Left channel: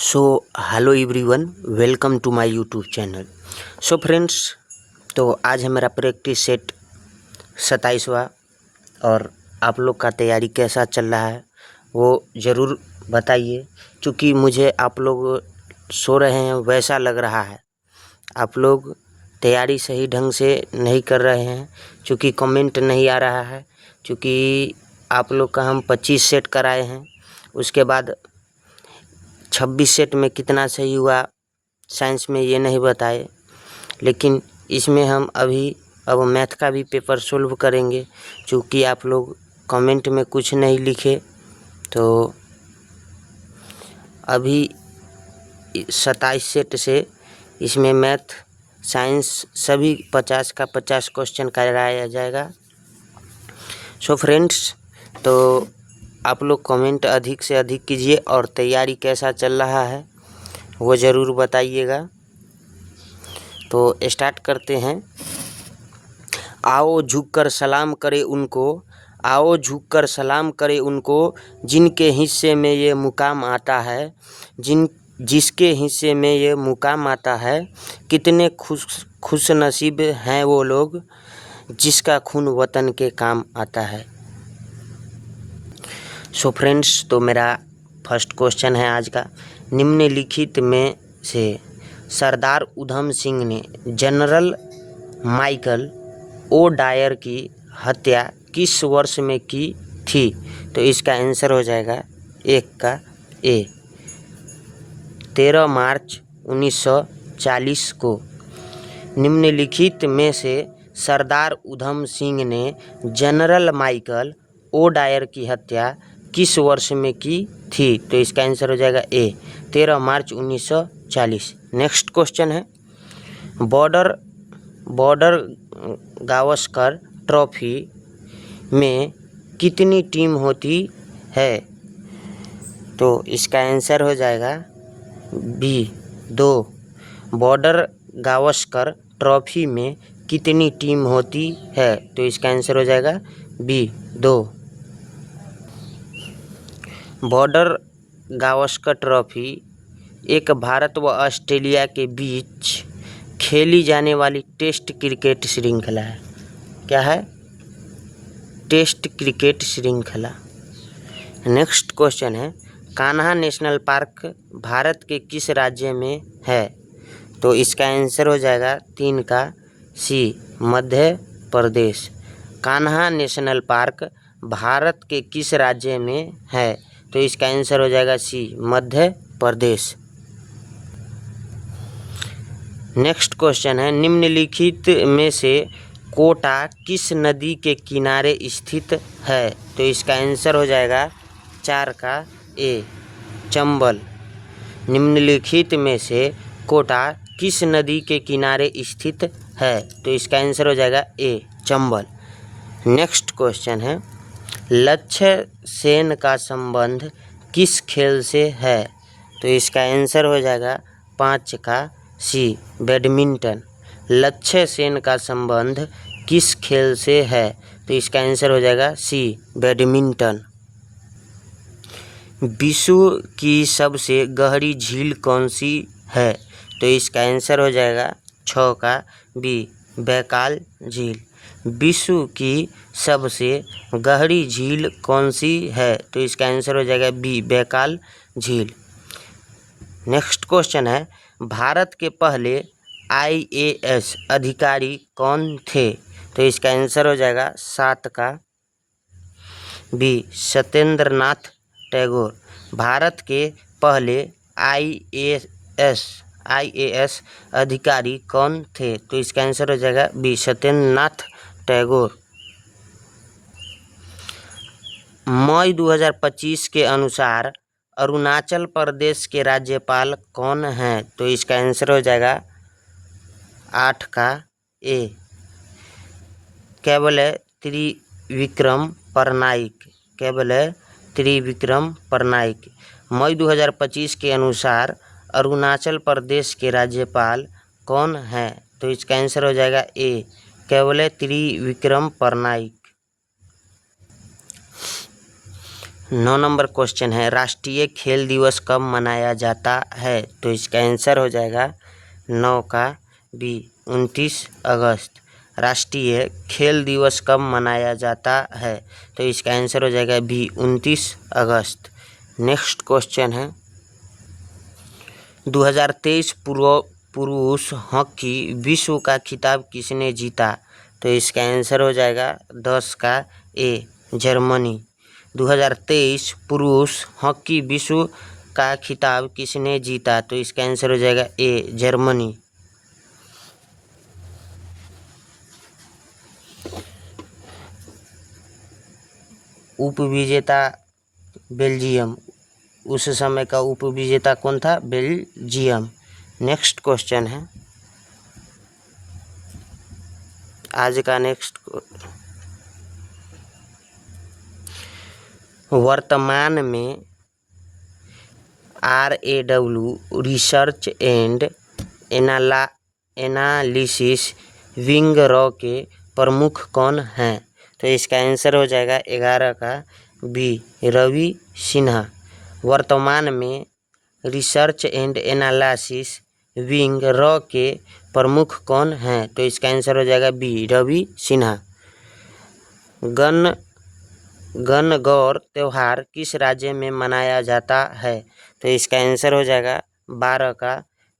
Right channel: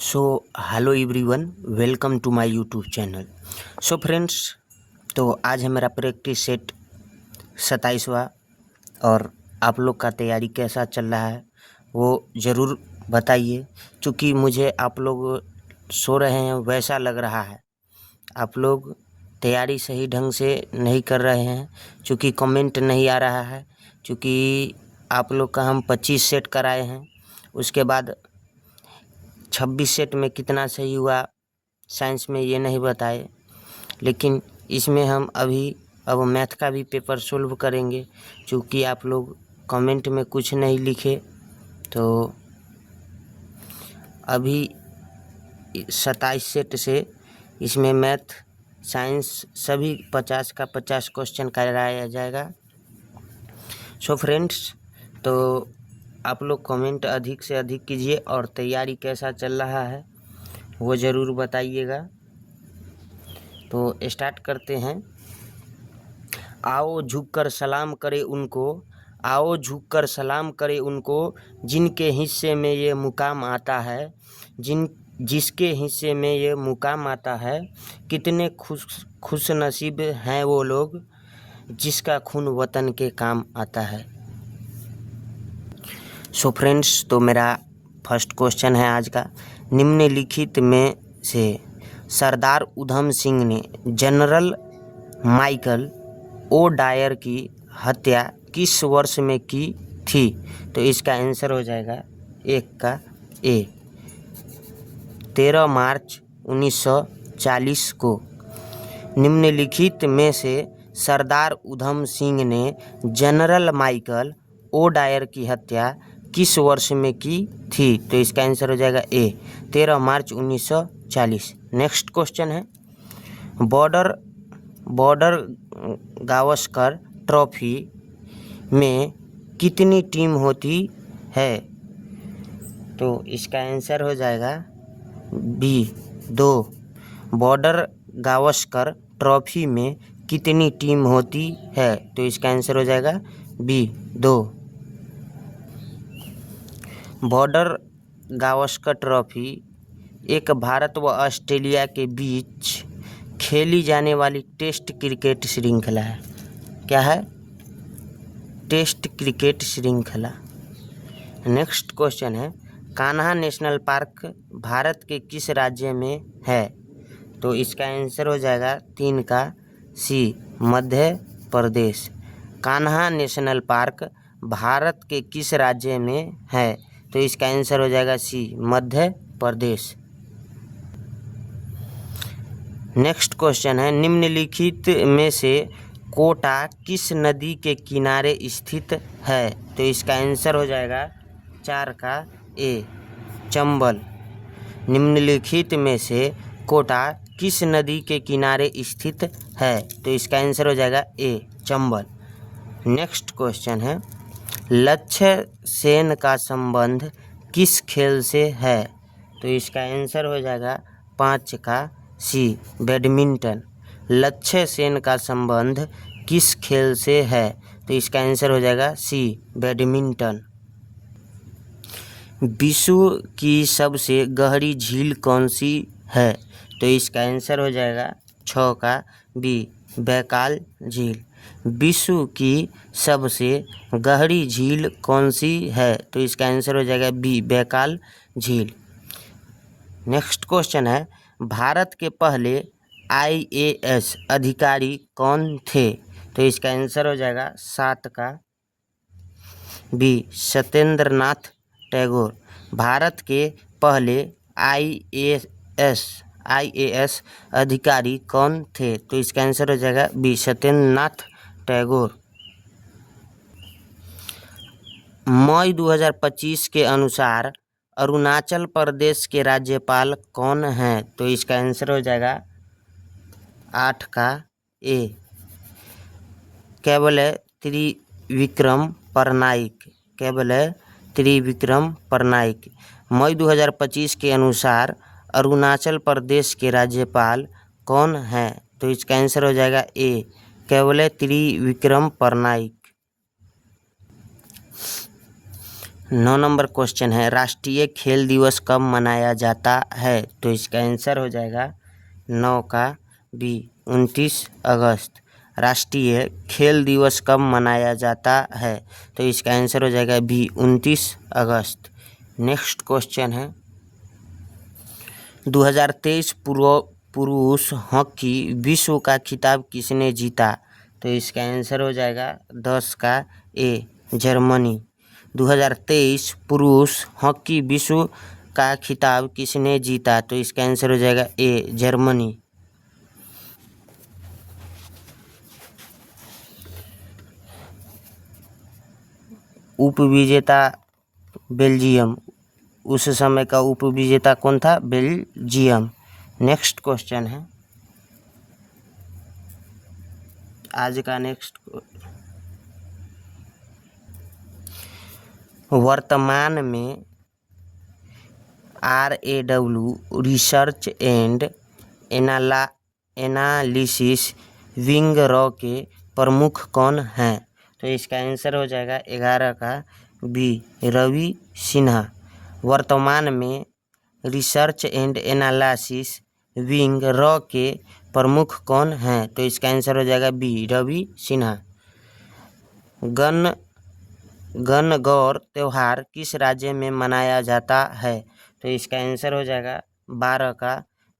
So hello everyone, welcome to my YouTube channel. So friends, तो आज है मेरा प्रैक्टिस सेट 27वां और आप लोग का तैयारी कैसा चल रहा है वो ज़रूर बताइए। क्योंकि मुझे आप लोग सो रहे हैं वैसा लग रहा है, आप लोग तैयारी सही ढंग से नहीं कर रहे हैं। क्योंकि कमेंट नहीं आ रहा है, क्योंकि आप लोग का हम 25 सेट कराए हैं, उसके बाद 26 सेट में कितना सही हुआ साइंस में ये नहीं बताए। लेकिन इसमें हम अब मैथ का भी पेपर सोल्व करेंगे। क्योंकि आप लोग कमेंट में कुछ नहीं लिखे, तो अभी 27 सेट से इसमें मैथ साइंस सभी 50 का 50 क्वेश्चन कराया जाएगा। सो फ्रेंड्स, तो आप लोग कमेंट अधिक से अधिक कीजिए और तैयारी कैसा चल रहा है वो ज़रूर बताइएगा। तो स्टार्ट करते हैं। आओ झुककर सलाम करें उनको, आओ झुककर सलाम करें उनको, जिनके हिस्से में ये मुकाम आता है, जिसके हिस्से में ये मुकाम आता है। कितने खुश नसीब हैं वो लोग, जिसका खून वतन के काम आता है। सो फ्रेंड्स, तो मेरा फर्स्ट क्वेश्चन है आज का। निम्नलिखित में से सरदार उधम सिंह ने जनरल माइकल ओ डायर की हत्या किस वर्ष में की थी? तो इसका आंसर हो जाएगा एक का ए, 13 मार्च 1940 को। निम्नलिखित में से सरदार उधम सिंह ने जनरल माइकल ओ डायर की हत्या किस वर्ष में की थी? तो इसका आंसर हो जाएगा ए, 13 मार्च 1940। नेक्स्ट क्वेश्चन है, बॉर्डर गावस्कर ट्रॉफी में कितनी टीम होती है? तो इसका आंसर हो जाएगा बी, 2। बॉर्डर गावस्कर ट्रॉफी में कितनी टीम होती है? तो इसका आंसर हो जाएगा बी, 2। बॉर्डर गावस्कर ट्रॉफी एक भारत व ऑस्ट्रेलिया के बीच खेली जाने वाली टेस्ट क्रिकेट श्रृंखला है। क्या है? टेस्ट क्रिकेट श्रृंखला। नेक्स्ट क्वेश्चन है, कान्हा नेशनल पार्क भारत के किस राज्य में है? तो इसका आंसर हो जाएगा 3 का सी, मध्य प्रदेश। कान्हा नेशनल पार्क भारत के किस राज्य में है? तो इसका आंसर हो जाएगा सी, मध्य प्रदेश। नेक्स्ट क्वेश्चन है, निम्नलिखित में से कोटा किस नदी के किनारे स्थित है? तो इसका आंसर हो जाएगा 4 का ए, चंबल। निम्नलिखित में से कोटा किस नदी के किनारे स्थित है? तो इसका आंसर हो जाएगा ए, चंबल। नेक्स्ट क्वेश्चन है, लक्ष्य सेन का संबंध किस खेल से है? तो इसका आंसर हो जाएगा 5 का सी, बैडमिंटन। लक्ष्य सेन का संबंध किस खेल से है? तो इसका आंसर हो जाएगा सी, बैडमिंटन। विश्व की सबसे गहरी झील कौन सी है? तो इसका आंसर हो जाएगा 6 का बी, बैकाल झील। विश्व की सबसे गहरी झील कौन सी है? तो इसका आंसर हो जाएगा बी, बैकाल झील। नेक्स्ट क्वेश्चन है, भारत के पहले IAS अधिकारी कौन थे? तो इसका आंसर हो जाएगा 7 का बी, सत्येंद्र नाथ टैगोर। भारत के पहले IAS अधिकारी कौन थे? तो इसका आंसर हो जाएगा बी, सत्येंद्र नाथ टैगोर। मई 2025 के अनुसार अरुणाचल प्रदेश के राज्यपाल कौन हैं? तो इसका आंसर हो जाएगा 8 का ए, केवल त्रिविक्रम परनाइक। केवल त्रिविक्रम परनाइक। मई 2025 के अनुसार अरुणाचल प्रदेश के राज्यपाल कौन हैं? तो इसका आंसर हो जाएगा ए, केवल त्रिविक्रम परनाइक। 9 नंबर क्वेश्चन है, राष्ट्रीय खेल दिवस कब मनाया जाता है? तो इसका आंसर हो जाएगा 9 का बी 29 अगस्त। राष्ट्रीय खेल दिवस कब मनाया जाता है? तो इसका आंसर हो जाएगा बी 29 अगस्त। नेक्स्ट क्वेश्चन है, 2023 पुरुष हॉकी विश्व का खिताब किसने जीता? तो इसका आंसर हो जाएगा 10 का ए जर्मनी। 2023 पुरुष हॉकी विश्व का खिताब किसने जीता? तो इसका आंसर हो जाएगा ए जर्मनी। उपविजेता बेल्जियम, उस समय का उपविजेता कौन था? बेल्जियम। नेक्स्ट क्वेश्चन है, आज का नेक्स्ट, वर्तमान में RAW research and analysis wing raw के प्रमुख कौन हैं? तो इसका आंसर हो जाएगा 11 का बी रवि सिन्हा। वर्तमान में research and analysis wing raw के प्रमुख कौन हैं? तो इसका आंसर हो जाएगा बी रवि सिन्हा। गणगौर त्यौहार किस राज्य में मनाया जाता है? तो इसका आंसर हो जाएगा 12 का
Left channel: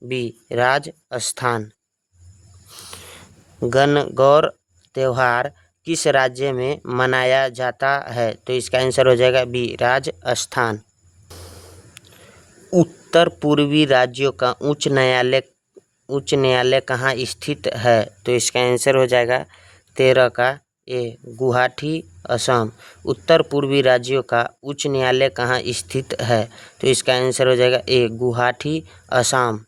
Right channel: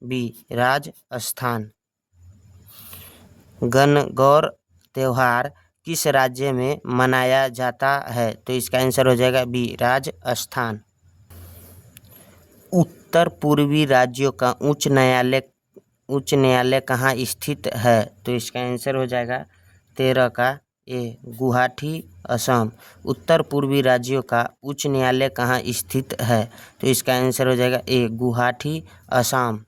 बी राजस्थान। गणगौर त्यौहार किस राज्य में मनाया जाता है? तो इसका आंसर हो जाएगा बी राजस्थान। उत्तर पूर्वी राज्यों का उच्च न्यायालय कहाँ स्थित है? तो इसका आंसर हो जाएगा 13 का ए गुवाहाटी असम। उत्तर पूर्वी राज्यों का उच्च न्यायालय कहाँ स्थित है? तो इसका आंसर हो जाएगा ए गुवाहाटी असम।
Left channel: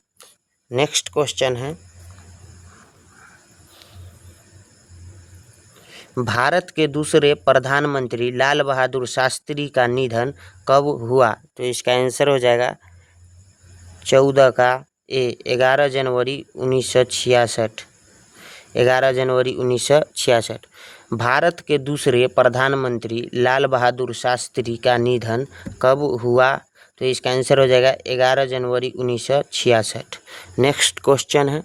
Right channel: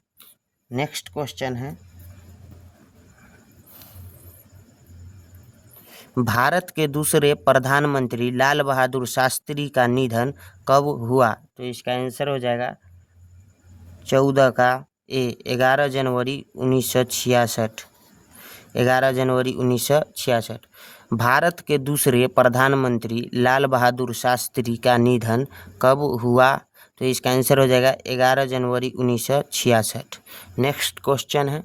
नेक्स्ट क्वेश्चन है, भारत के दूसरे प्रधानमंत्री लाल बहादुर शास्त्री का निधन कब हुआ? तो इसका आंसर हो जाएगा 14 का ए 11 जनवरी 1966। 11 जनवरी 1966। भारत के दूसरे प्रधानमंत्री लाल बहादुर शास्त्री का निधन कब हुआ? तो इसका आंसर हो जाएगा 11 जनवरी 1966। नेक्स्ट क्वेश्चन है,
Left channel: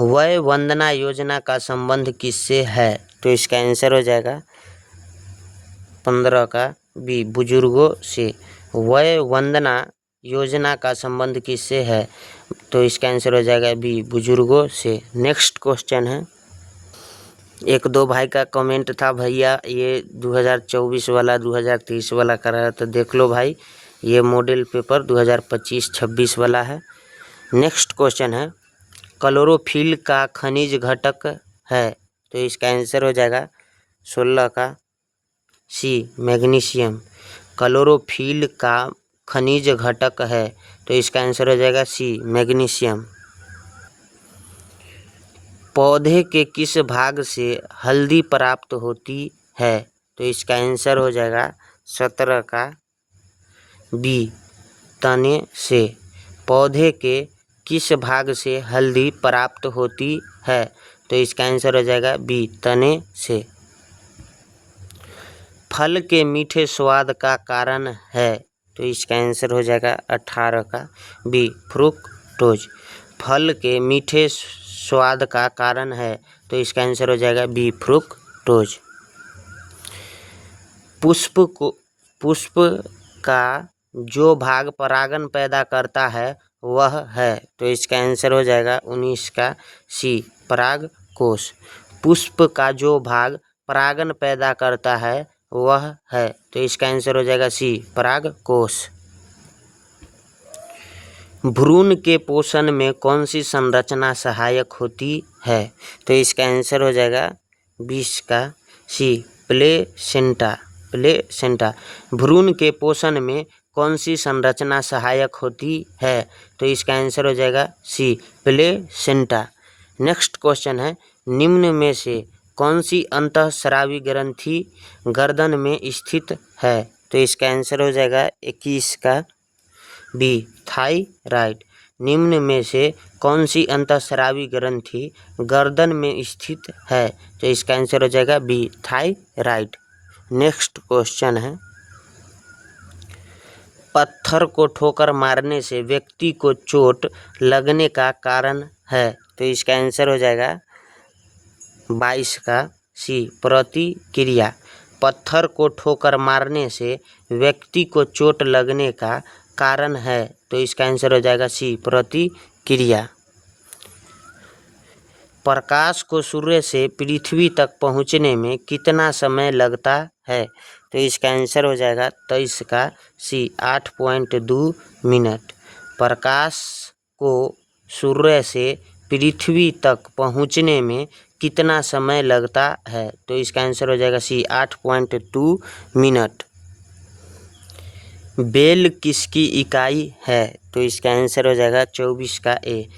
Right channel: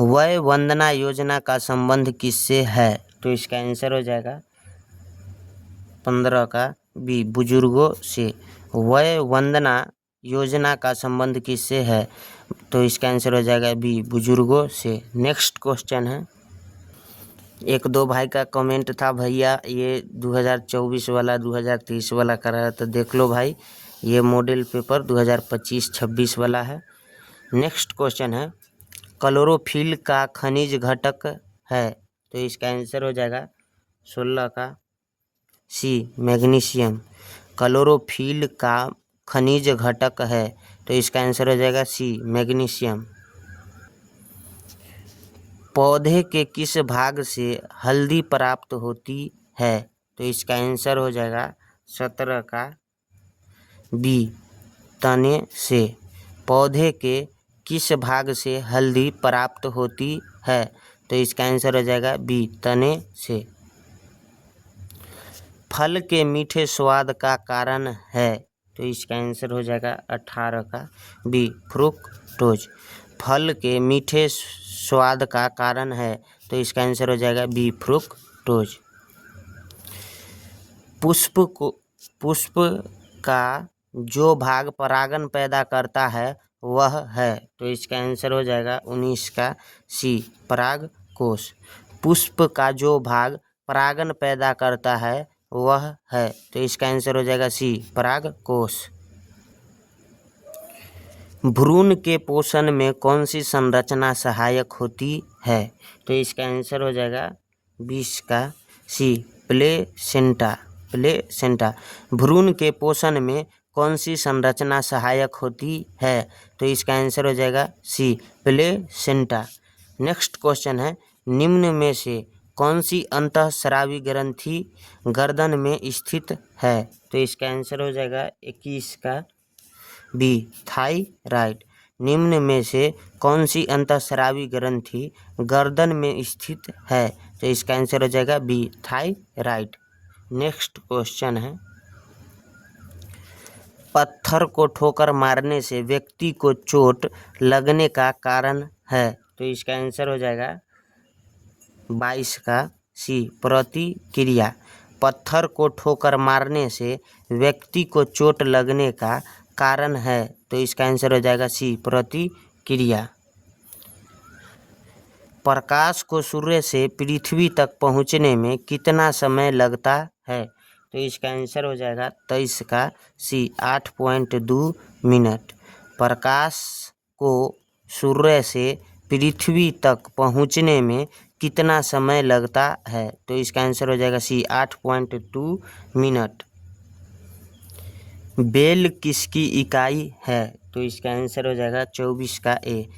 वय वंदना योजना का संबंध किससे है? तो इसका आंसर हो जाएगा 15 का बी बुजुर्गों से। वय वंदना योजना का संबंध किससे है? तो इसका आंसर हो जाएगा बी बुजुर्गों से। नेक्स्ट क्वेश्चन है, एक दो भाई का कमेंट था, भैया ये 2024 वाला 2023 वाला कर रहा है, तो देख लो भाई, ये मॉडल पेपर 2025-26 वाला है। नेक्स्ट क्वेश्चन है, क्लोरोफिल का खनिज घटक है? तो इसका आंसर हो जाएगा 16 का सी मैग्नीशियम। क्लोरोफिल का खनिज घटक है, तो इसका आंसर हो जाएगा सी मैग्नीशियम। पौधे के किस भाग से हल्दी प्राप्त होती है? तो इसका आंसर हो जाएगा 17 का बी तने से। पौधे के किस भाग से हल्दी प्राप्त होती है? तो इसका आंसर हो जाएगा बी तने से। फल के मीठे स्वाद का कारण है? तो इसका आंसर हो जाएगा 18 का बी फ्रुक्टोज। फल के मीठे स्वाद का कारण है, तो इसका आंसर हो जाएगा बी फ्रुक्टोज। पुष्प का जो भाग परागण पैदा करता है वह है? तो इसका आंसर हो जाएगा 19 का सी परागकोश। पुष्प का जो भाग परागण पैदा करता है वह है, तो इसका आंसर हो जाएगा सी परागकोश। भ्रूण के पोषण में कौन सी संरचना सहायक होती है? तो इसका आंसर हो जाएगा 20 का सी प्लेसेंटा। भ्रूण के पोषण में कौन सी संरचना सहायक होती है? तो इसका आंसर हो जाएगा सी प्लेसेंटा। नेक्स्ट क्वेश्चन है, निम्न में से कौन सी अंतःस्रावी ग्रंथि गर्दन में स्थित है? तो इसका आंसर हो जाएगा 21 का बी थायराइड। निम्न में से कौन सी अंतःस्रावी ग्रंथि गर्दन में स्थित है? तो इसका आंसर हो जाएगा बी थायराइड। नेक्स्ट क्वेश्चन है, पत्थर को ठोकर मारने से व्यक्ति को चोट लगने का कारण है। तो इसका आंसर हो जाएगा 22 का सी, प्रतिक्रिया। पत्थर को ठोकर मारने से व्यक्ति को चोट लगने का कारण है। तो इसका आंसर हो जाएगा सी, प्रतिक्रिया। प्रकाश को सूर्य से पृथ्वी तक पहुंचने में कितना समय लगता है। तो इसका आंसर हो जाएगा 23 का सी, 8.2 मिनट। प्रकाश को सूर्य से पृथ्वी तक पहुंचने में कितना समय लगता है। तो इसका आंसर हो जाएगा सी, 8.2 मिनट। बेल किसकी इकाई है। तो इसका आंसर हो जाएगा 24 का ए,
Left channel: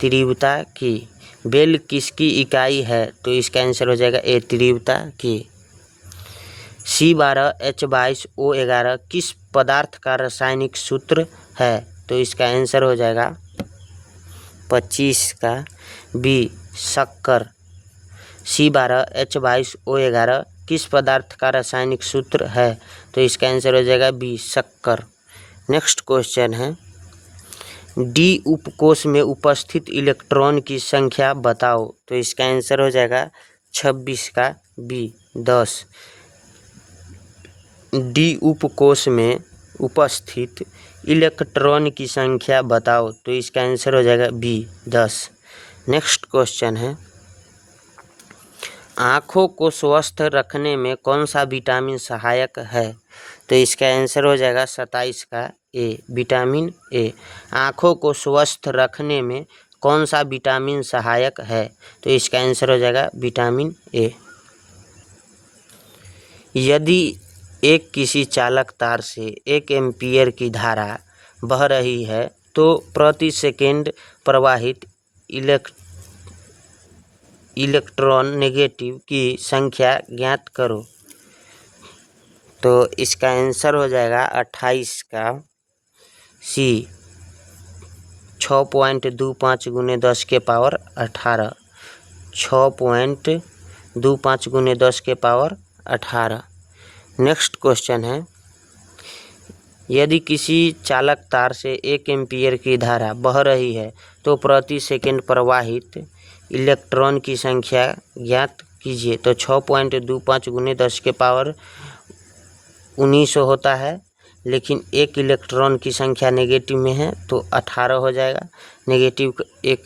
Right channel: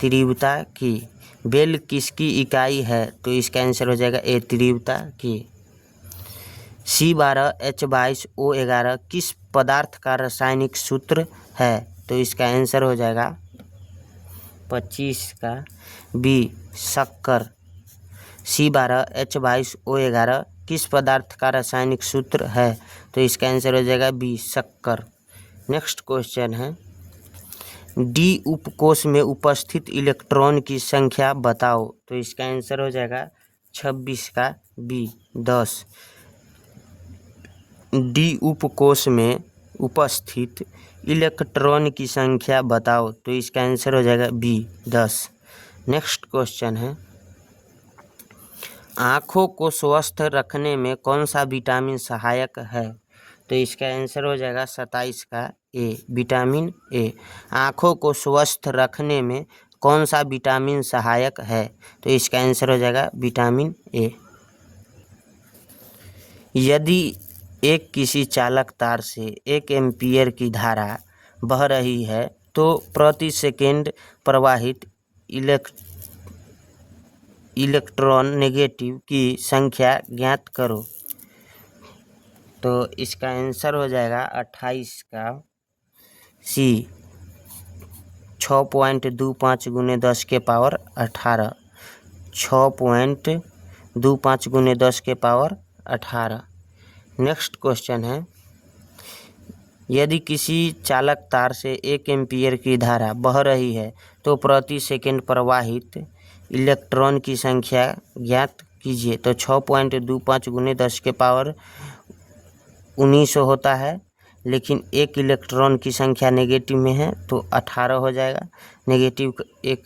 तीव्रता की। बेल किसकी इकाई है। तो इसका आंसर हो जाएगा ए, तीव्रता की। C12H22O11 किस पदार्थ का रासायनिक सूत्र है। तो इसका आंसर हो जाएगा 25 का बी, शक्कर। C12H22O11 किस पदार्थ का रासायनिक सूत्र है। तो इसका आंसर हो जाएगा बी, शक्कर। नेक्स्ट क्वेश्चन है, डी उपकोष में उपस्थित इलेक्ट्रॉन की संख्या बताओ। तो इसका आंसर हो जाएगा 26 का बी, 10। डी उपकोष में उपस्थित इलेक्ट्रॉन की संख्या बताओ। तो इसका आंसर हो जाएगा बी, 10। नेक्स्ट क्वेश्चन है, आँखों को स्वस्थ रखने में कौन सा विटामिन सहायक है। तो इसका आंसर हो जाएगा 27 का ए, विटामिन ए। आँखों को स्वस्थ रखने में कौन सा विटामिन सहायक है। तो इसका आंसर हो जाएगा विटामिन ए। यदि एक किसी चालक तार से 1 एम्पीयर की धारा बह रही है तो प्रति सेकेंड प्रवाहित इलेक्ट्रॉन नेगेटिव की संख्या ज्ञात करो। तो इसका आंसर हो जाएगा 28 का सी, 6.25 × 10 के पावर 18, 6.25 × 10 के पावर 18। नेक्स्ट क्वेश्चन है, यदि किसी चालक तार से 1 एम्पीयर की धारा बह रही है तो प्रति सेकंड प्रवाहित इलेक्ट्रॉन की संख्या ज्ञात कीजिए। तो 6.25 × 10 के पावर 19 होता है, लेकिन एक इलेक्ट्रॉन की संख्या नेगेटिव में है तो 18 हो जाएगा। नेगेटिव एक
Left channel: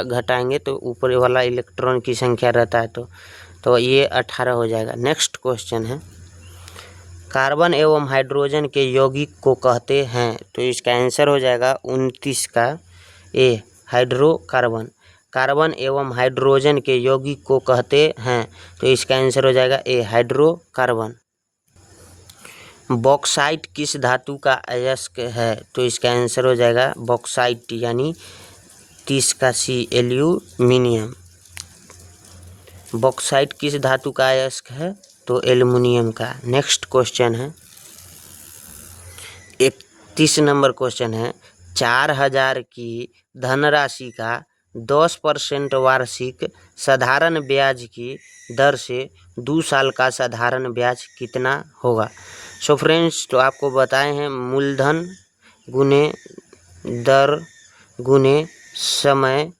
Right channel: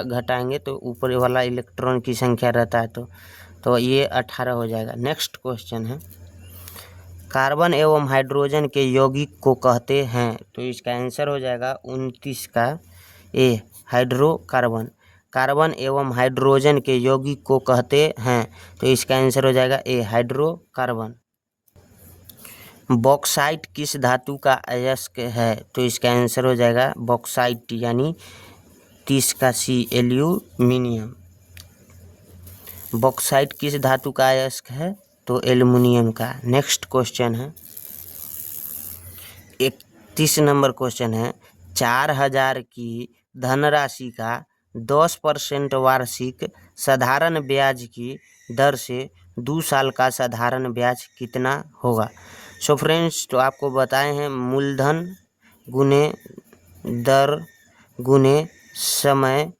घटाएंगे तो ऊपर वाला इलेक्ट्रॉन की संख्या रहता है तो ये 18 हो जाएगा। नेक्स्ट क्वेश्चन है, कार्बन एवं हाइड्रोजन के यौगिक को कहते हैं। तो इसका आंसर हो जाएगा 29 का ए, हाइड्रोकार्बन। कार्बन एवं हाइड्रोजन के यौगिक को कहते हैं। तो इसका आंसर हो जाएगा ए, हाइड्रोकार्बन। बॉक्साइट किस धातु का अयस्क है। तो इसका आंसर हो जाएगा बॉक्साइट यानी 30 का सी, एल्यूमिनियम। बॉक्साइट किस धातु का अयस्क है। तो एल्युमिनियम का। नेक्स्ट क्वेश्चन है, 31 नंबर क्वेश्चन है, 4000 की धनराशि का 10% वार्षिक साधारण ब्याज की दर से 2 साल का साधारण ब्याज कितना होगा। सो फ्रेंड्स, तो आपको बताए हैं मूलधन गुने दर गुने समय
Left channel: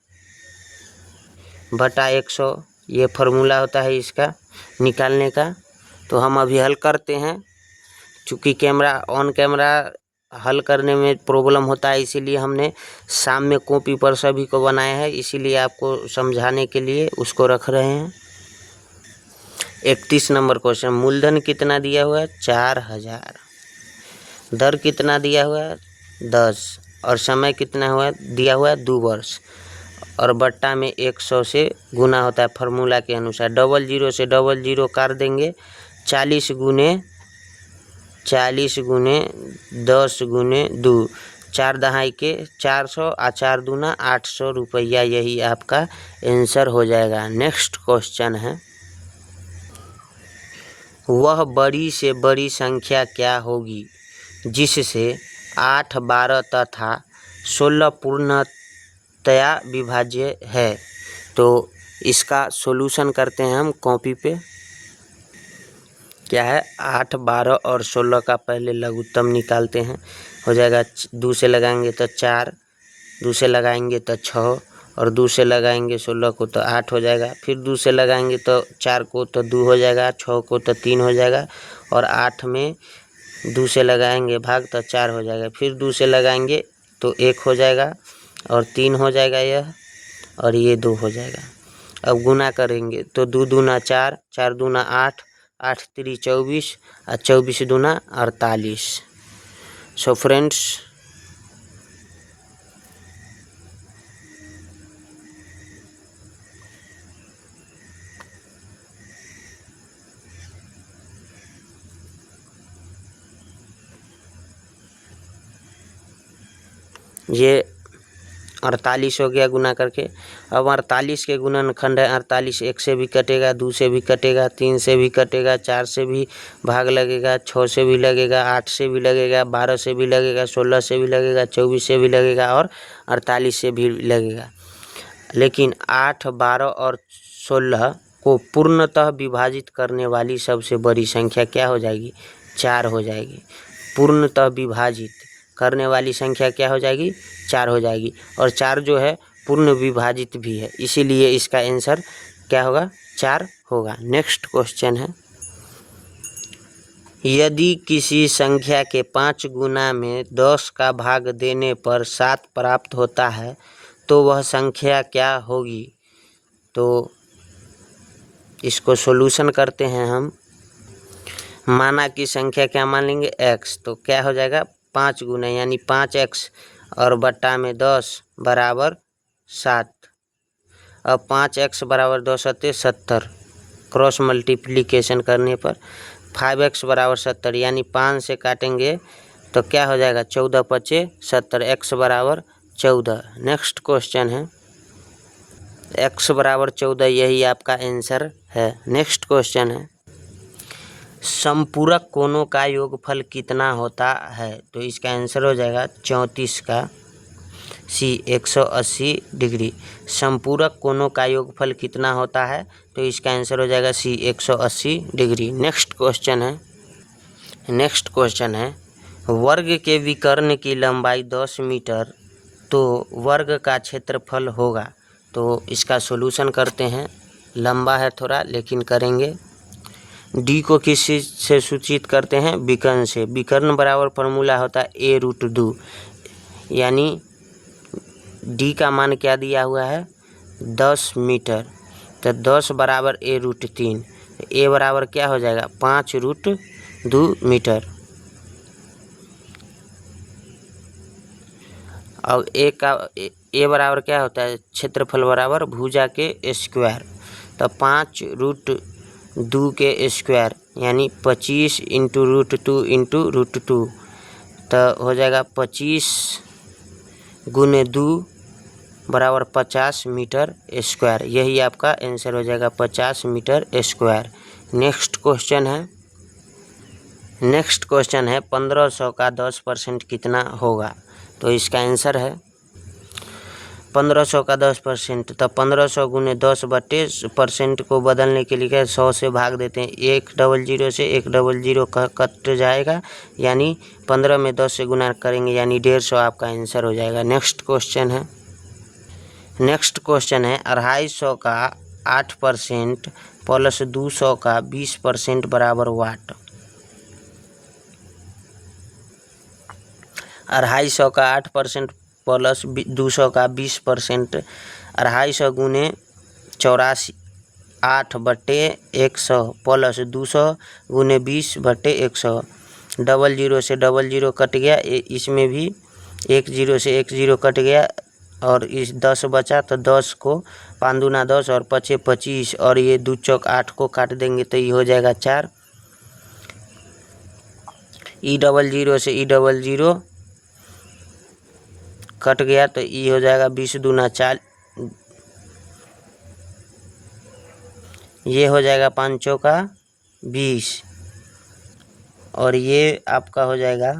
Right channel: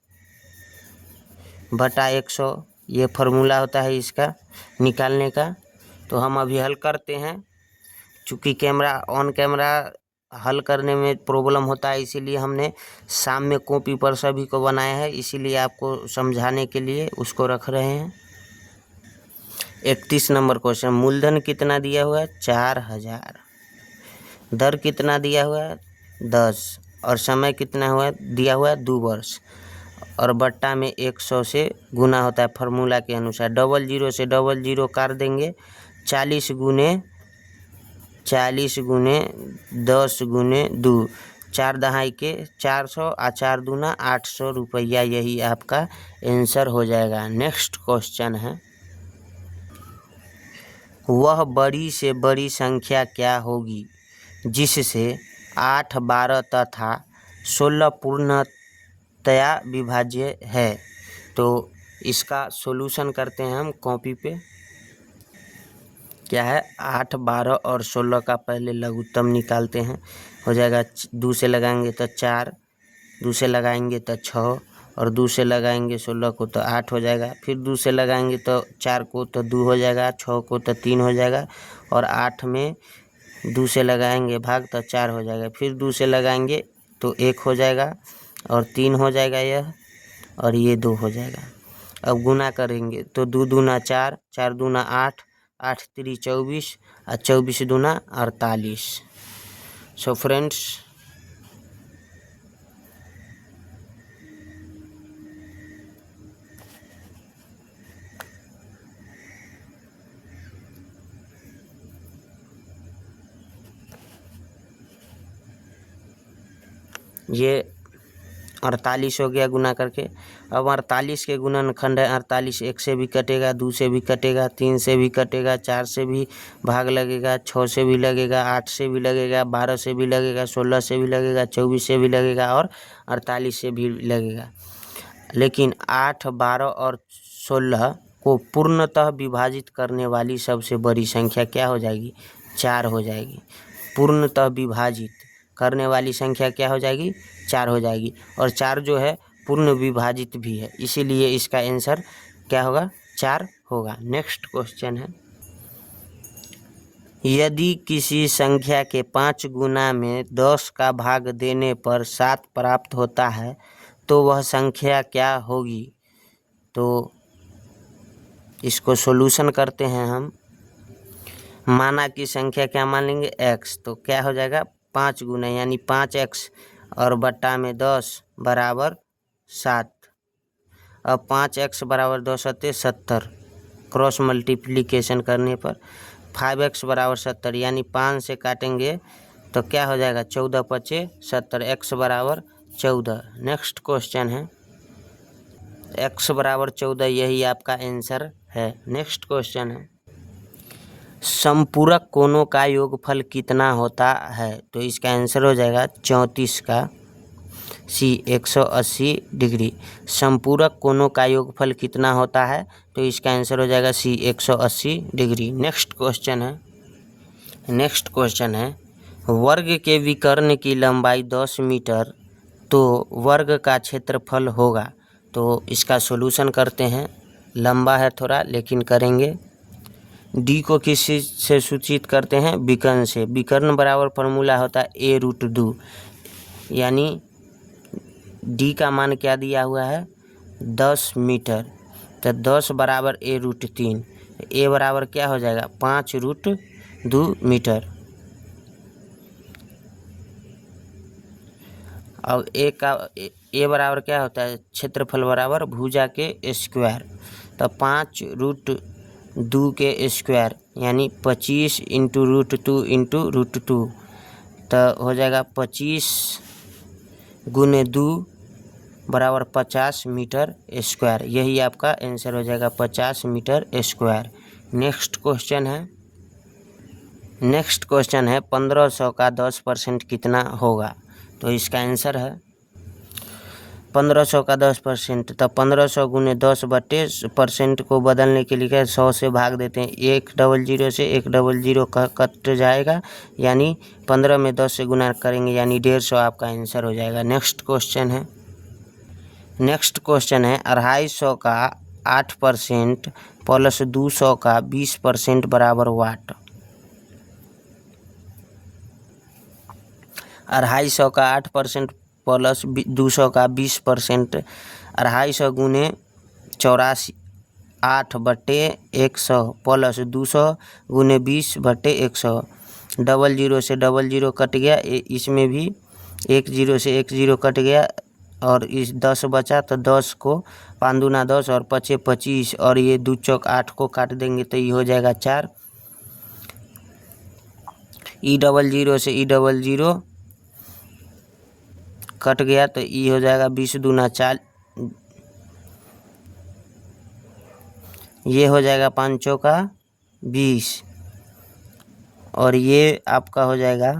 बटा 100, ये फार्मूला होता है इसका निकालने का। तो हम अभी हल करते हैं। चूँकि ऑन कैमरा हल करने में प्रॉब्लम होता है, इसीलिए हमने सामने कॉपी पर सभी को बनाया है, इसीलिए आपको समझाने के लिए उसको रख रहे हैं। 31 नंबर क्वेश्चन, मूलधन कितना दिया हुआ है 4000, दर कितना दिया हुआ है 10 और समय कितना हुआ दिया हुआ है 2 वर्ष और बट्टा में 100 से गुना होता है फार्मूला के अनुसार। 00 से 00 काट देंगे, 40 गुने 10 गुने 2, 4 दहाई के 400 और 4 दूना 800 रुपया, यही आपका आंसर हो जाएगा। नेक्स्ट क्वेश्चन है, वह बड़ी से बड़ी संख्या क्या होगी जिससे 8, 12 तथा 16 पूर्णतया विभाज्य है। तो इसका सॉल्यूशन करते हैं हम कॉपी पे। क्या है 8, 12 और 16 का पहले लघुत्तम निकालते हैं। हो जाएगा 2 से लगाएंगे तो 4, 2 से लगाएंगे तो 6 और 2 से लगाएंगे 16 को तो 8 हो जाएगा। फिर 2 से लगाएंगे तो 4 को तो 2 हो जाएगा, 6 को तो 3 हो जाएगा और 8 में 2 से लगाएंगे भाग तो 4 हो जाएगा। फिर 2 से लगाएंगे तो 1 हो जाएगा और 3 हो जाएगा यह, और ये 2 हो जाएगा। अब गुना करेंगे तो 2 दूना 4, 4 दूना 8, 8 3 24 और 24 दूना 48। सो फ्रेंड्स, ये 48 हो गया गुना करके। अब 48 के गुणनखंड है 48, 1 से भी कटेगा, 2 से भी कटेगा, 3 से भी कटेगा, 4 से भी भाग लगेगा, 6 से भी लगेगा, 8 से भी लगेगा, 12 से भी लगेगा, 16 से भी लगेगा, 24 से भी लगेगा और 48 से भी लगेगा। लेकिन 8, 12 और 16 को पूर्णतः विभाजित करने वाली सबसे बड़ी संख्या क्या हो जाएगी? 4 हो जाएगी। पूर्णतः विभाजित करने वाली संख्या क्या हो जाएगी? 4 हो जाएगी। और 4 जो है पूर्ण विभाजित भी है, इसीलिए इसका आंसर क्या होगा? 4 होगा। नेक्स्ट क्वेश्चन है, यदि किसी संख्या के 5 गुना में 10 का भाग देने पर 7 प्राप्त होता है तो वह संख्या क्या होगी? तो इसको सॉल्यूशन करते हैं हम। माना कि संख्या क्या मान लेंगे? x, तो क्या हो जाएगा? 5 गुना यानी 5x और बट्टा में 10 बराबर 7। अब 5x बराबर 10 होते 70, क्रॉस मल्टीप्लिकेशन करने पर 5x बराबर 70 यानी 5 से काटेंगे तो क्या हो जाएगा? 14 पचे 70, x बराबर 14। नेक्स्ट क्वेश्चन है, x बराबर 14, यही आपका आंसर है। नेक्स्ट क्वेश्चन है, समपूरक कोणों का योगफल कितना होता है? तो इसका आंसर हो जाएगा 34 का C 180 डिग्री। समपूरक कोणों का योगफल कितना होता है? तो इसका आंसर हो जाएगा C 180 डिग्री। नेक्स्ट क्वेश्चन है, वर्ग के विकर्ण की लंबाई 10 मीटर तो वर्ग का क्षेत्रफल होगा। तो इसका सॉल्यूशन करते हैं। लंबा है थोड़ा लेकिन करेंगे। डी को किस चीज़ से सूचित करते हैं? विकर्ण से। विकर्ण बराबर फॉर्मूला होता है a√2, यानी डी का मान क्या दिया हुआ है? 10 मीटर, तो 10 बराबर a√3, ए बराबर क्या हो जाएगा? 5√2 मीटर। और ए बराबर क्या होता है? क्षेत्रफल बराबर भुजा के स्क्वायर, तो 5√2 के स्क्वायर यानी 25 इंटू √2 इंटू √2, तो हो जाएगा 25 गुने 2 बराबर 50 मीटर स्क्वायर। यही आपका आंसर हो जाएगा 50 मीटर स्क्वायर। नेक्स्ट क्वेश्चन है 1500 का 10% कितना होगा? तो इसका आंसर है 1500 का 10%, तो 1500 गुने 10/% को बदलने के लिए 100 से भाग देते हैं। 100 से 100 कट जाएगा, यानी 15 में 10 से गुना करेंगे यानी 150 आपका आंसर हो जाएगा। नेक्स्ट क्वेश्चन है 250 का 8% प्लस 200 का 20% बराबर वाट। 250 का 8% प्लस 200 का 20%, 250 गुने 84, 8/100 प्लस 200 गुने 20/100। 00 से 00 कट गया, इसमें भी 10 से 10 कट गया और इस 10 बचा, तो 10 को 5 दूना 10 और 5 25 और ये 2 चौक 8 को काट देंगे तो ये हो जाएगा 4। E00 से E00 कट गया तो ये हो जाएगा 20 दूना 4, ये हो जाएगा 5 चौका 20 और ये आपका हो जाएगा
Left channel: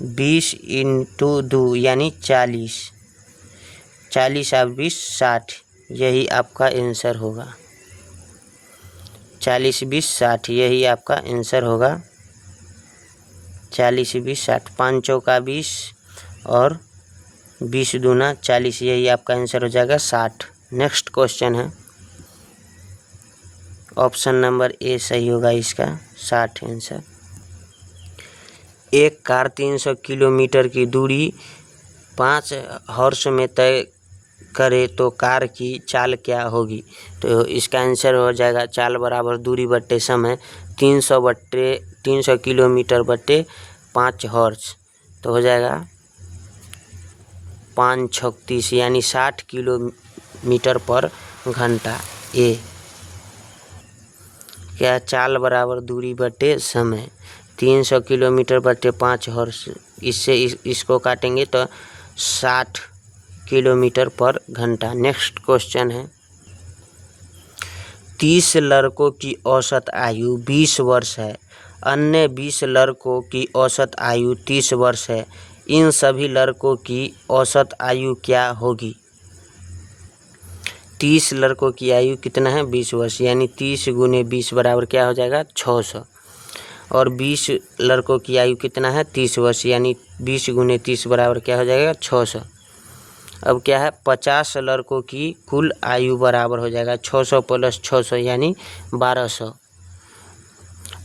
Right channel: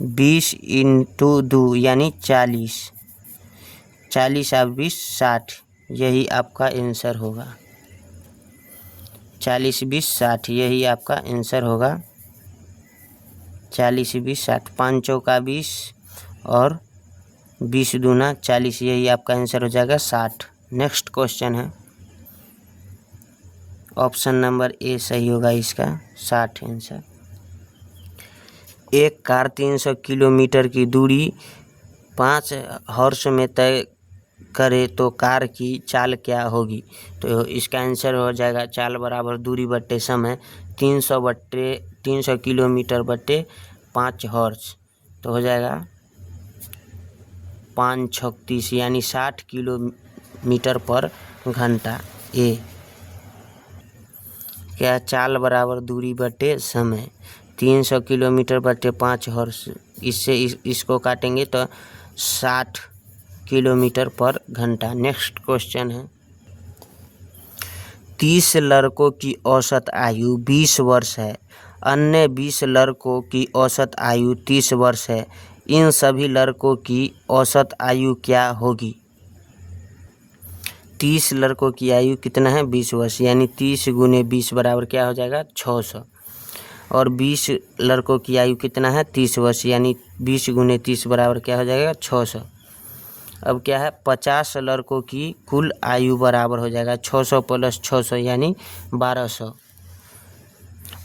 20 इंटू 2 यानी 40, 40 और 20 60, यही आपका आंसर होगा। 40 20 60, यही आपका आंसर होगा। 40 20 60, 5 चौका 20 और 20 दूना 40, यही आपका आंसर हो जाएगा 60। नेक्स्ट क्वेश्चन है, ऑप्शन नंबर ए सही होगा इसका, 60 आंसर। एक कार 300 किलोमीटर की दूरी 5 हॉर्स में तय करे तो कार की चाल क्या होगी? तो इसका आंसर हो जाएगा चाल बराबर दूरी बट्टे समय, 300 किलोमीटर बट्टे 5 हॉर्स, तो हो जाएगा 5 छक 30 यानी 60 किलोमीटर पर घंटा। ए क्या चाल बराबर दूरी बट्टे समय, 300 किलोमीटर बट्टे 5 हॉर्स, इससे इसको काटेंगे तो 60 किलोमीटर पर घंटा। नेक्स्ट क्वेश्चन है, 30 लड़कों की औसत आयु 20 वर्ष है, अन्य 20 लड़कों की औसत आयु 30 वर्ष है, इन सभी लड़कों की औसत आयु क्या होगी? 30 लड़कों की आयु कितना है? 20 वर्ष, यानी 30 गुने 20 बराबर क्या हो जाएगा? 600। और 20 लड़कों की आयु कितना है? 30 वर्ष, यानी 20 गुने 30 बराबर क्या हो जाएगा? 600। अब क्या है, 50 लड़कों की कुल आयु बराबर हो जाएगा 600 प्लस 600 यानी 1200।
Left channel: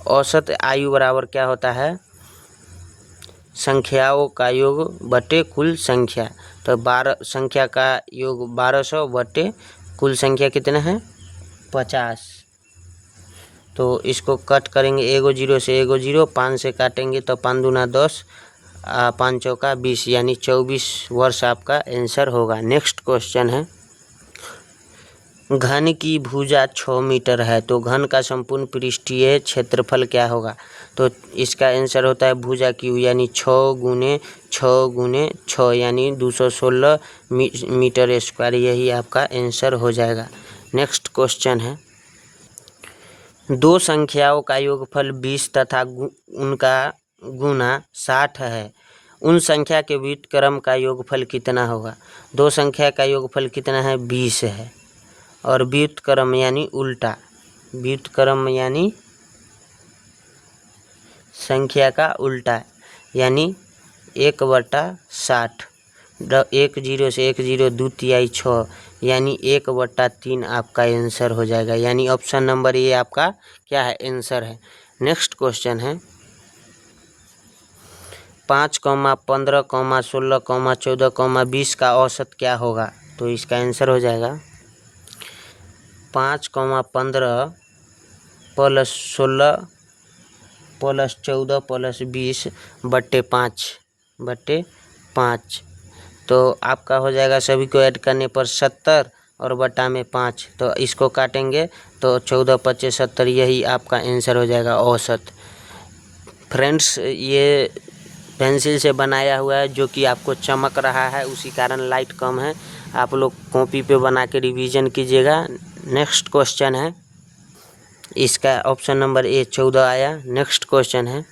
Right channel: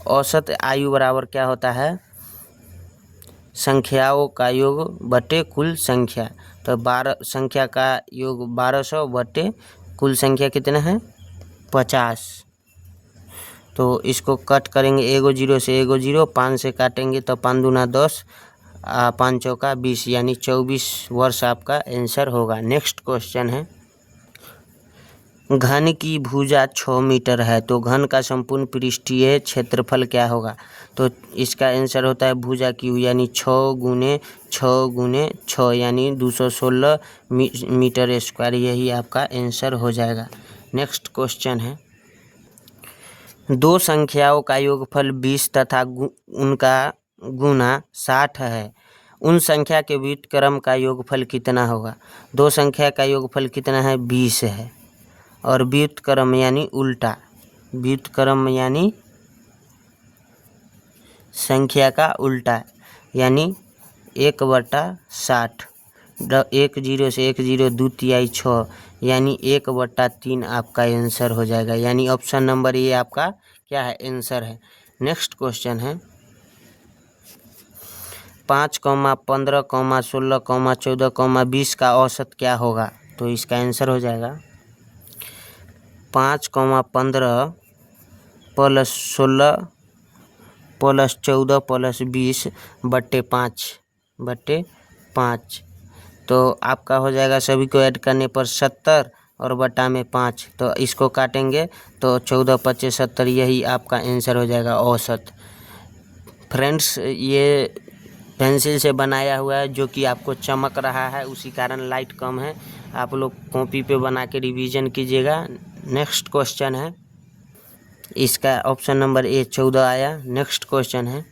औसत आयु बराबर क्या होता है? संख्याओं का योग बटे कुल संख्या, तो 12 संख्या का योग 1200 बटे कुल संख्या कितना है? 50। तो इसको कट करेंगे, एगो जीरो से एगो जीरो, 5 से काटेंगे तो 5 दूना 10, 5 चौका 20, यानी 24 वर्ष आपका आंसर होगा। नेक्स्ट क्वेश्चन है, घन की भुजा 6 मीटर है तो घन का संपूर्ण पृष्ठीय क्षेत्रफल क्या होगा? तो इसका आंसर होता है भुजा की यानी 6 गुने 6 गुने 6 यानी 216 मीटर स्क्वायर, यही आपका आंसर हो जाएगा। नेक्स्ट क्वेश्चन है, दो संख्याओं का योगफल 20 तथा उनका गुना 60 है, उन संख्या के व्युत्क्रम का योगफल कितना होगा? दो संख्या का योगफल कितना है? 20 है, और व्युत्क्रम यानी उल्टा, व्युत्क्रम यानी संख्या का उल्टा, यानी 1/60, 1 जीरो से 1 जीरो 2 तिहाई 6, यानी 1/3 आपका आंसर हो जाएगा, यानी ऑप्शन नंबर ए आपका क्या है? आंसर है। नेक्स्ट क्वेश्चन है, 5, 15, 16, 14, 20 का औसत क्या होगा? तो इसका आंसर हो जाएगा 5, 15 प्लस 16 प्लस 14 प्लस 20 बट्टे 5, तो आपका हो जाएगा सभी को ऐड करने पर 70 और बटा में 5, तो इसको काटेंगे तो 14 25 70, यही आपका आंसर हो जाएगा औसत। फ्रेंड्स, ये पेंसिल से बनाया हुआ है जो कि आपको चमक रहा है, उसी कारण लाइट कम है, आप लोग कॉपी पे बना के रिवीजन कीजिएगा। नेक्स्ट क्वेश्चन है, इसका ऑप्शन नंबर ए 14 आया। नेक्स्ट क्वेश्चन है,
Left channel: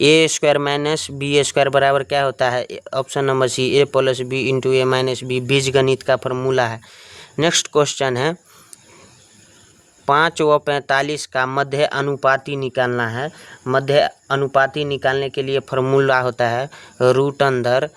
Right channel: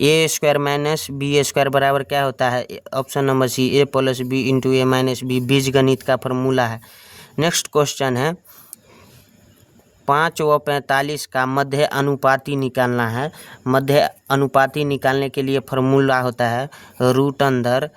ए स्क्वायर माइनस बी स्क्वायर बराबर क्या होता है? ऑप्शन नंबर सी ए प्लस बी इंटू ए माइनस बी, बीजगणित का फॉर्मूला है। नेक्स्ट क्वेश्चन है, 5 व 45 का मध्य अनुपाती निकालना है। मध्य अनुपाती निकालने के लिए फॉर्मूला होता है रूट अंदर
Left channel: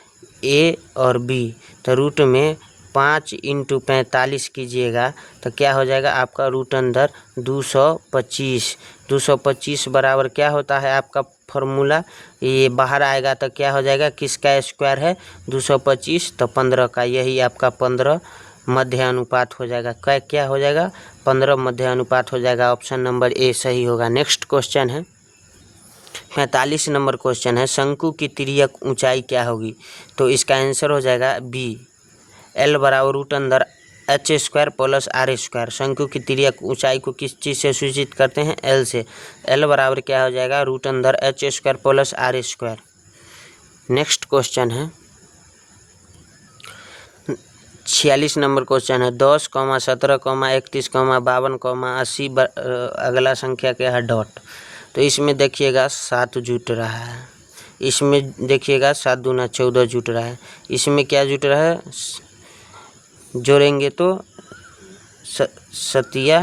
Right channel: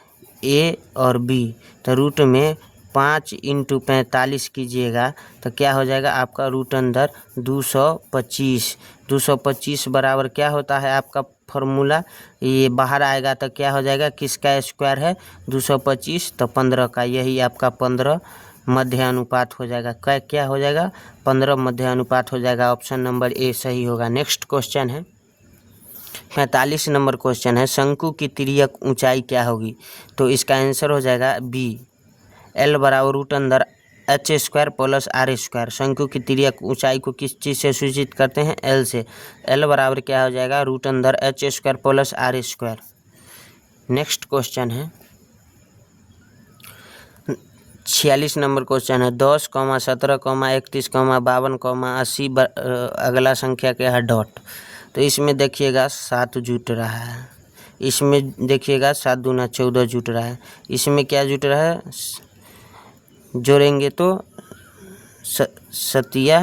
ए और बी, तो रूट में 5 इंटू 45 कीजिएगा तो क्या हो जाएगा आपका? रूट अंदर 225, 225 बराबर क्या होता है आपका फॉर्मूला? ये बाहर आएगा तो क्या हो जाएगा? किसका स्क्वायर है? 225, तो 15 का, यही आपका 15 मध्य अनुपात हो जाएगा। क्या हो जाएगा? 15 मध्य अनुपात हो जाएगा। ऑप्शन नंबर ए सही होगा। नेक्स्ट क्वेश्चन है, 45 नंबर क्वेश्चन है, शंकु की तिर्यक ऊंचाई क्या होगी? तो इसका आंसर हो जाएगा बी, एल बराबर रूट अंदर H square plus R square. शंकु की तिर्यक ऊंचाई को किस चीज़ से सूचित करते हैं? एल से। एल बराबर क्या हो जाएगा? रूट अंदर H square plus R square. Next question है, 46 नंबर क्वेश्चन है, 10, 17, 31, 52, 80 अगला संख्या क्या है? डॉट। तो इसमें देखिएगा 7 जुट रहा है, इसमें देखिएगा 7 दूना 14 जुट रहा है, इसमें क्या जुट रहा है? जोड़ेंगे तो सतिया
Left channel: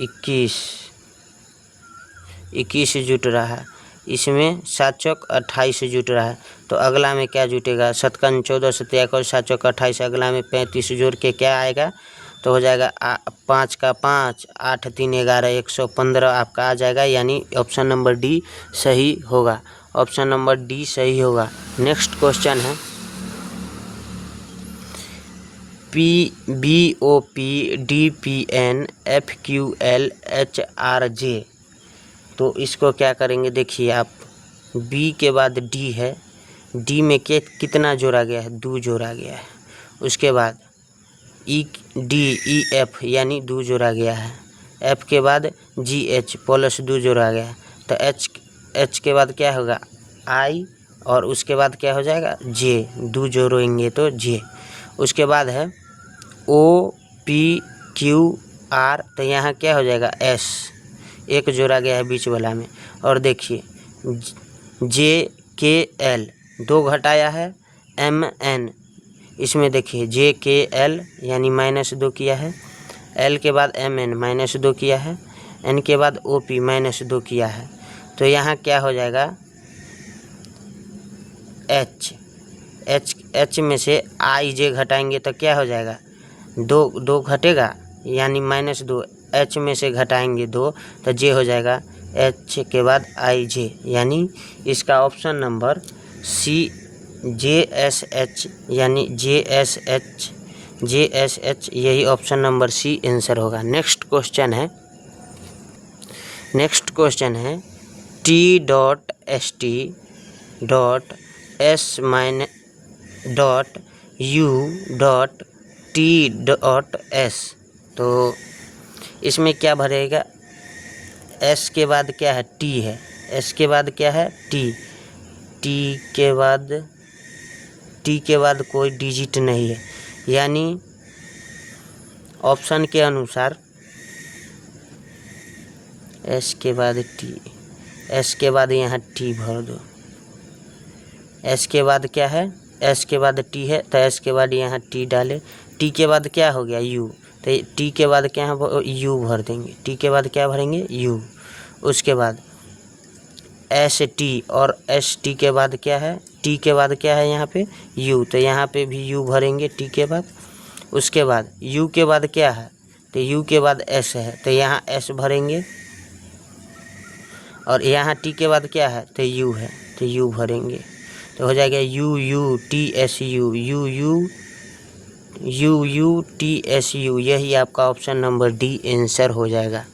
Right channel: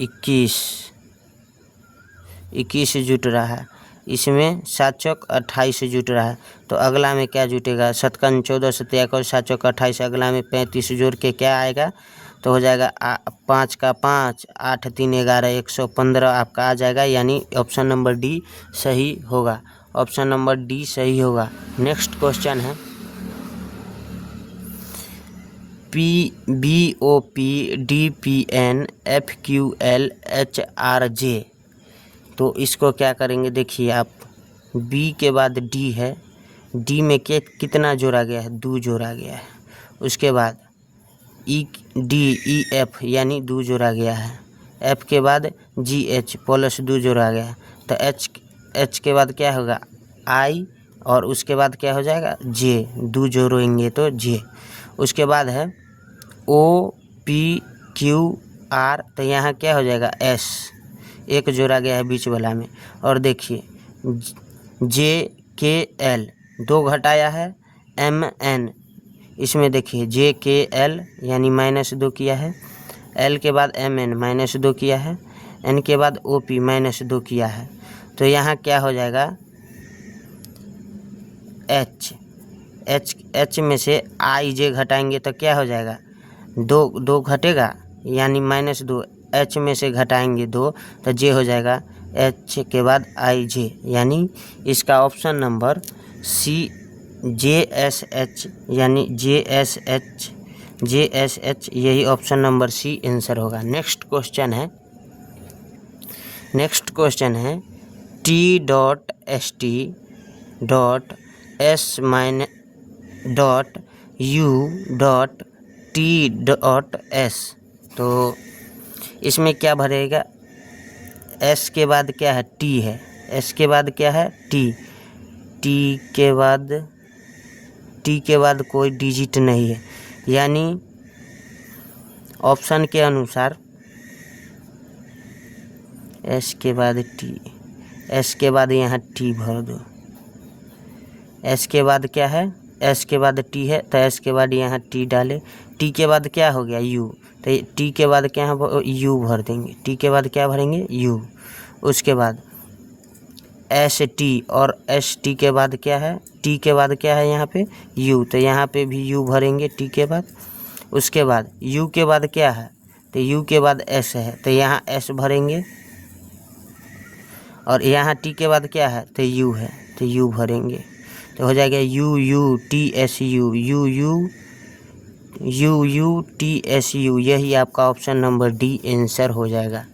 21 जुट रहा है, इसमें 7 चौक 28 जुट रहा है। तो अगला में क्या जुटेगा, 7 14 7 और 7 चौक 28, अगला में 35 जोड़ के क्या आएगा, तो हो जाएगा 5 का 5, 8 3 11 115 आपका आ जाएगा, यानी ऑप्शन नंबर डी सही होगा। ऑप्शन नंबर डी सही होगा। नेक्स्ट क्वेश्चन है PBOP DPN FQL HRJ। तो इसको क्या करेंगे, देखिए आप, B के बाद D है, D में कितना जोड़ा गया है, 2 जोड़ा गया है। उसके बाद DEF यानी 2 जोड़ा गया है। F के बाद GH प्लस 2 जोड़ा गया है। तो H के बाद क्या होगा, I, और उसके बाद क्या हो जाएगा, J, 2 जोड़ेंगे तो J। उसके बाद है OPQR, तो यहाँ क्या हो जाएगा, S, 1 जोड़ा गया है बीच वाला में। और देखिए JKL 2 घटाया है, MN, इसमें देखिए JKL यानी -2 किया है, L के बाद MN -2 किया है, N के बाद OP -2 किया है। तो यहाँ क्या हो जाएगा, H में से IJ घटाएंगे तो क्या हो जाएगा, 2 घटेगा यानी -2, H में से घटाएंगे 2 तो J हो जाएगा, H के बाद IJ, यानी इसका ऑप्शन नंबर C JSH यानी JSH यही ऑप्शन नंबर C आंसर होगा। नेक्स्ट क्वेश्चन है T.ST.U.T.S। तो इसमें क्या भरेगा, S के बाद क्या है, T है, S के बाद क्या है, T के बाद कोई डिजिट नहीं है, यानी ऑप्शन के अनुसार S के बाद T, S के बाद यहाँ T भर दो। S के बाद क्या है, S के बाद T है तो S के बाद यहाँ T डाले। T के बाद क्या हो गया, U, तो T के बाद क्या U भर देंगे। T के बाद क्या भरेंगे, U। उसके बाद ST, और ST के बाद क्या है, T के बाद क्या है यहाँ पे U, तो यहाँ पे भी U भरेंगे T के बाद। उसके बाद U के बाद क्या है, तो U के बाद S है तो यहाँ S भरेंगे, और यहाँ T के बाद क्या है, तो U है तो U भरेंगे। तो हो जाएगा UUTSU, यही आपका ऑप्शन नंबर डी आंसर हो जाएगा।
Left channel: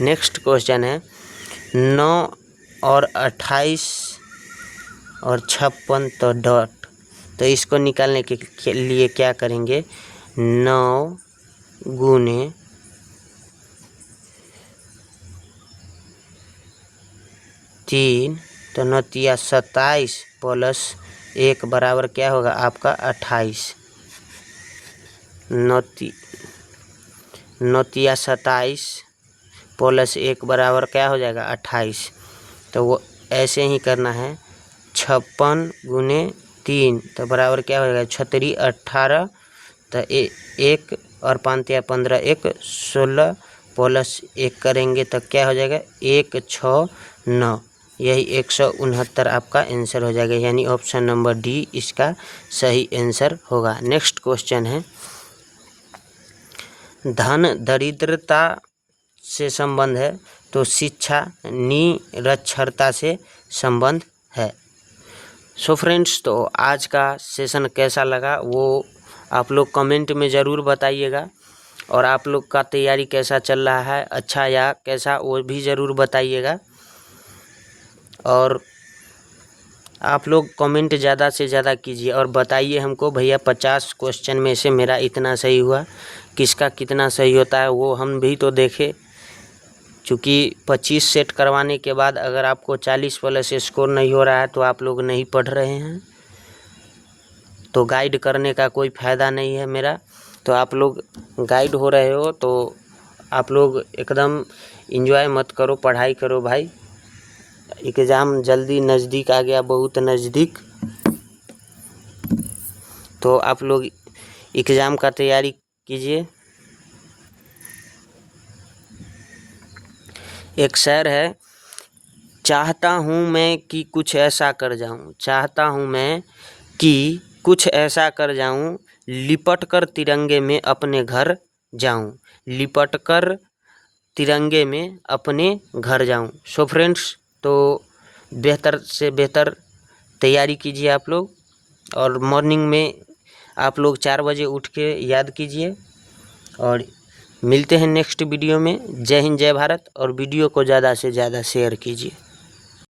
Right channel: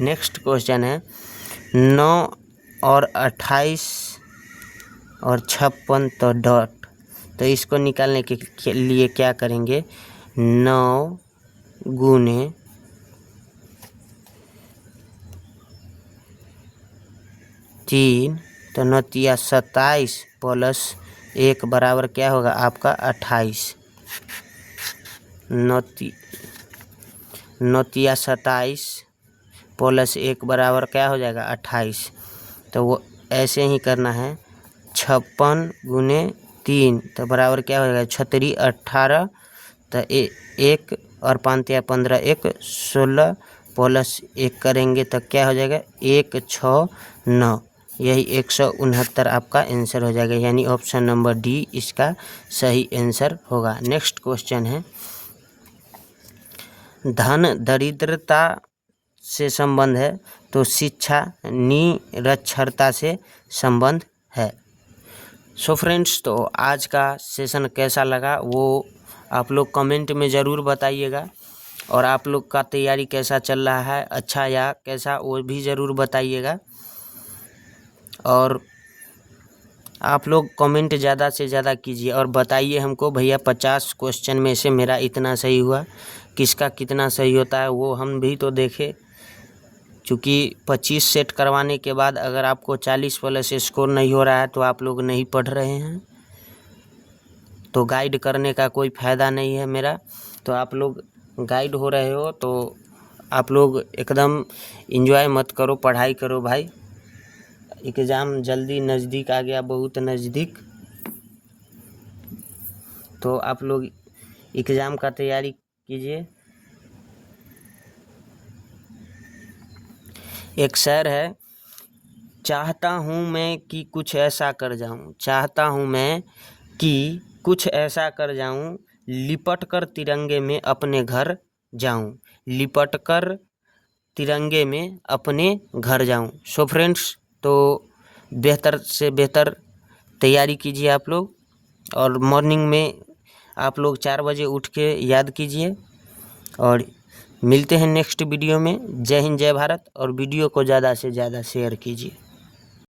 नेक्स्ट क्वेश्चन है 9 और 28 और 56 तो डॉट, तो इसको निकालने के लिए क्या करेंगे, 9 गुने 3 तो 9 तिया 27 प्लस 1 बराबर क्या होगा आपका 28। 9 तिया 27 प्लस 1 बराबर क्या हो जाएगा 28। तो वो ऐसे ही करना है, 56 गुने 3 तो बराबर क्या हो जाएगा 36 18, तो 1 और 5 या 15 1 16 प्लस 1 करेंगे तो क्या हो जाएगा 169, यही 169 आपका आंसर हो जाएगा, यानी ऑप्शन नंबर डी इसका सही आंसर होगा। नेक्स्ट क्वेश्चन है धन दरिद्रता से संबंध है तो शिक्षा निरक्षरता से संबंध है। सो फ्रेंड्स, तो आज का सेशन कैसा लगा वो आप लोग कमेंट में ज़रूर बताइएगा, और आप लोग का तैयारी कैसा चल रहा है, अच्छा या कैसा, वो भी ज़रूर बताइएगा। और आप लोग कमेंट ज़्यादा से ज़्यादा कीजिए और बताइए हमको, भैया 50 क्वेश्चन में से मेरा इतना सही हुआ, किसका कितना सही होता है वो हम भी तो देखें। चूँकि 25 सेट करवाने के बाद अगर आपको 40 प्लस स्कोर नहीं हो रहा है तो आप लोग नहीं पढ़ रहे हैं, तो गाइड करने का कोई फ़ायदा नहीं है मेरा। तो आप लोग गाइड हो रहे हो तो आप लोग एकदम एंजॉय मत करो, पढ़ाई करो भाई। एग्ज़ाम जल्दी नज़दीक आ गया, बहुत नज़दीक। तो आप लोग एग्ज़ाम का तैयारी कीजिए। एक शेर है, चाहता हूँ मैं कि कुछ ऐसा कर जाऊँ, चाहता हूँ मैं कि कुछ ऐसा कर जाऊँ, लिपट कर तिरंगे में अपने घर जाऊँ, लिपट कर तिरंगे में अपने घर जाऊँ। सो फ्रेंड्स, तो बेहतर से बेहतर तैयारी कीजिए आप लोग, और मॉर्निंग में आप लोग 4 बजे उठ के याद कीजिए। और मिलते हैं नेक्स्ट वीडियो में। जय हिंद, जय भारत, और वीडियो को ज़्यादा से ज़्यादा शेयर कीजिए।